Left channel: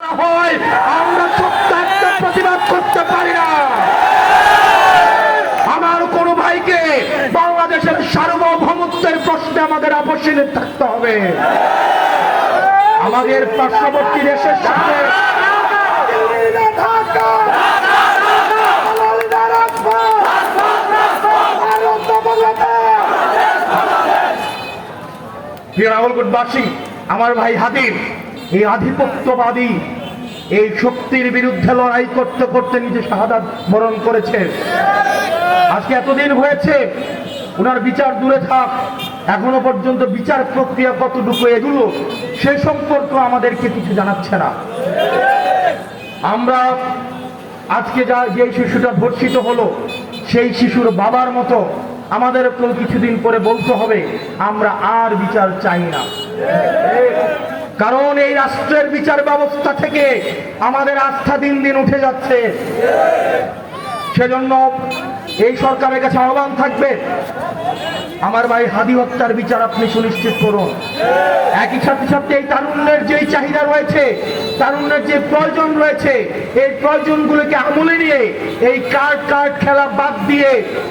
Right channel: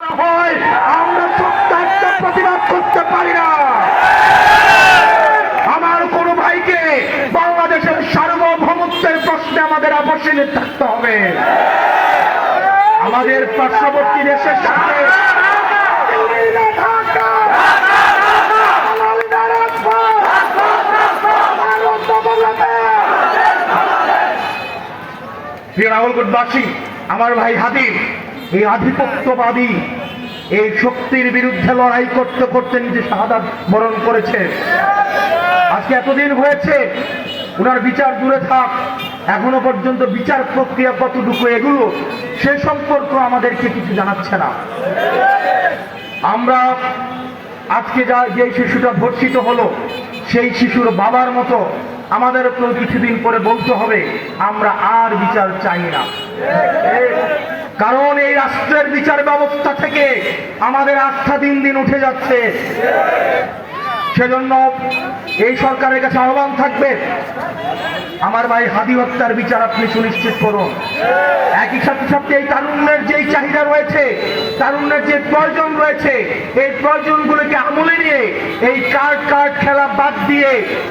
হয় আমরা সত্য একটা প্রতিবাদ করতে পারি না। আমার কোন ভাইকে বাংলাদেশের সার্বভৌমত্বের প্রশ্নে আমাদের আপোষে থাকতে হবে। আমাদের পার্শ্ববর্তী দেশের সাথে রাহুলবাসী, আমার ভাই হাদির এই আধিপত্যবাদী এই শক্তির বিরুদ্ধে লড়াই করতে করতে নিজে শাহাদাত বরণ করেছে। আজকে এতদিন হয়েছে, ওনার বিচার দূরে থাক, এখনো পর্যন্ত বিচার প্রক্রিয়া কতটুকু এগুলো সে সম্পর্ক আমাদেরকে কিছু জানাচ্ছে না। আমরা আজকে যে শিশুটা ধর্ষিত হলো, সেই শিশুর বাবার মতো আমাদের কিছুদিন পরে বলতে হবে আমরা আর বিচার চাই না। কারণ এই রাষ্ট্রের বিচার ব্যবস্থা থেকে আমাদের আস্থা দিন দিন উঠে যাচ্ছে। সেজন্য এই সরকারের কাছে আহ্বান থাকবে, আমার ভাই হাদি হত্যার বিচার আপনি সুনিশ্চিত করুন। একই সাথে সাথে এই তারুণ্যের যেই চাহিদা রয়েছে, তারুণ্যের যে প্রয়োজন রয়েছে, এই প্রয়োজনগুলোকে আমলে নিয়ে এই কার্ড খেলা বাদ দিয়ে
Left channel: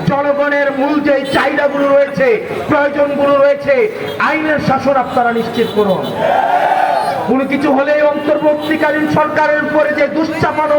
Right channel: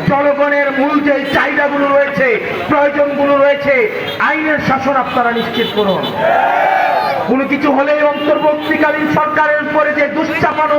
জনগণের মূল যে চাহিদাগুলো রয়েছে, প্রয়োজনগুলো রয়েছে, আইনের শাসন আপনারা নিশ্চিত করুন। কোনো কিছু হলে অন্তর্বর্তীকালীন সরকারের উপরে যে দুশ্চাপানো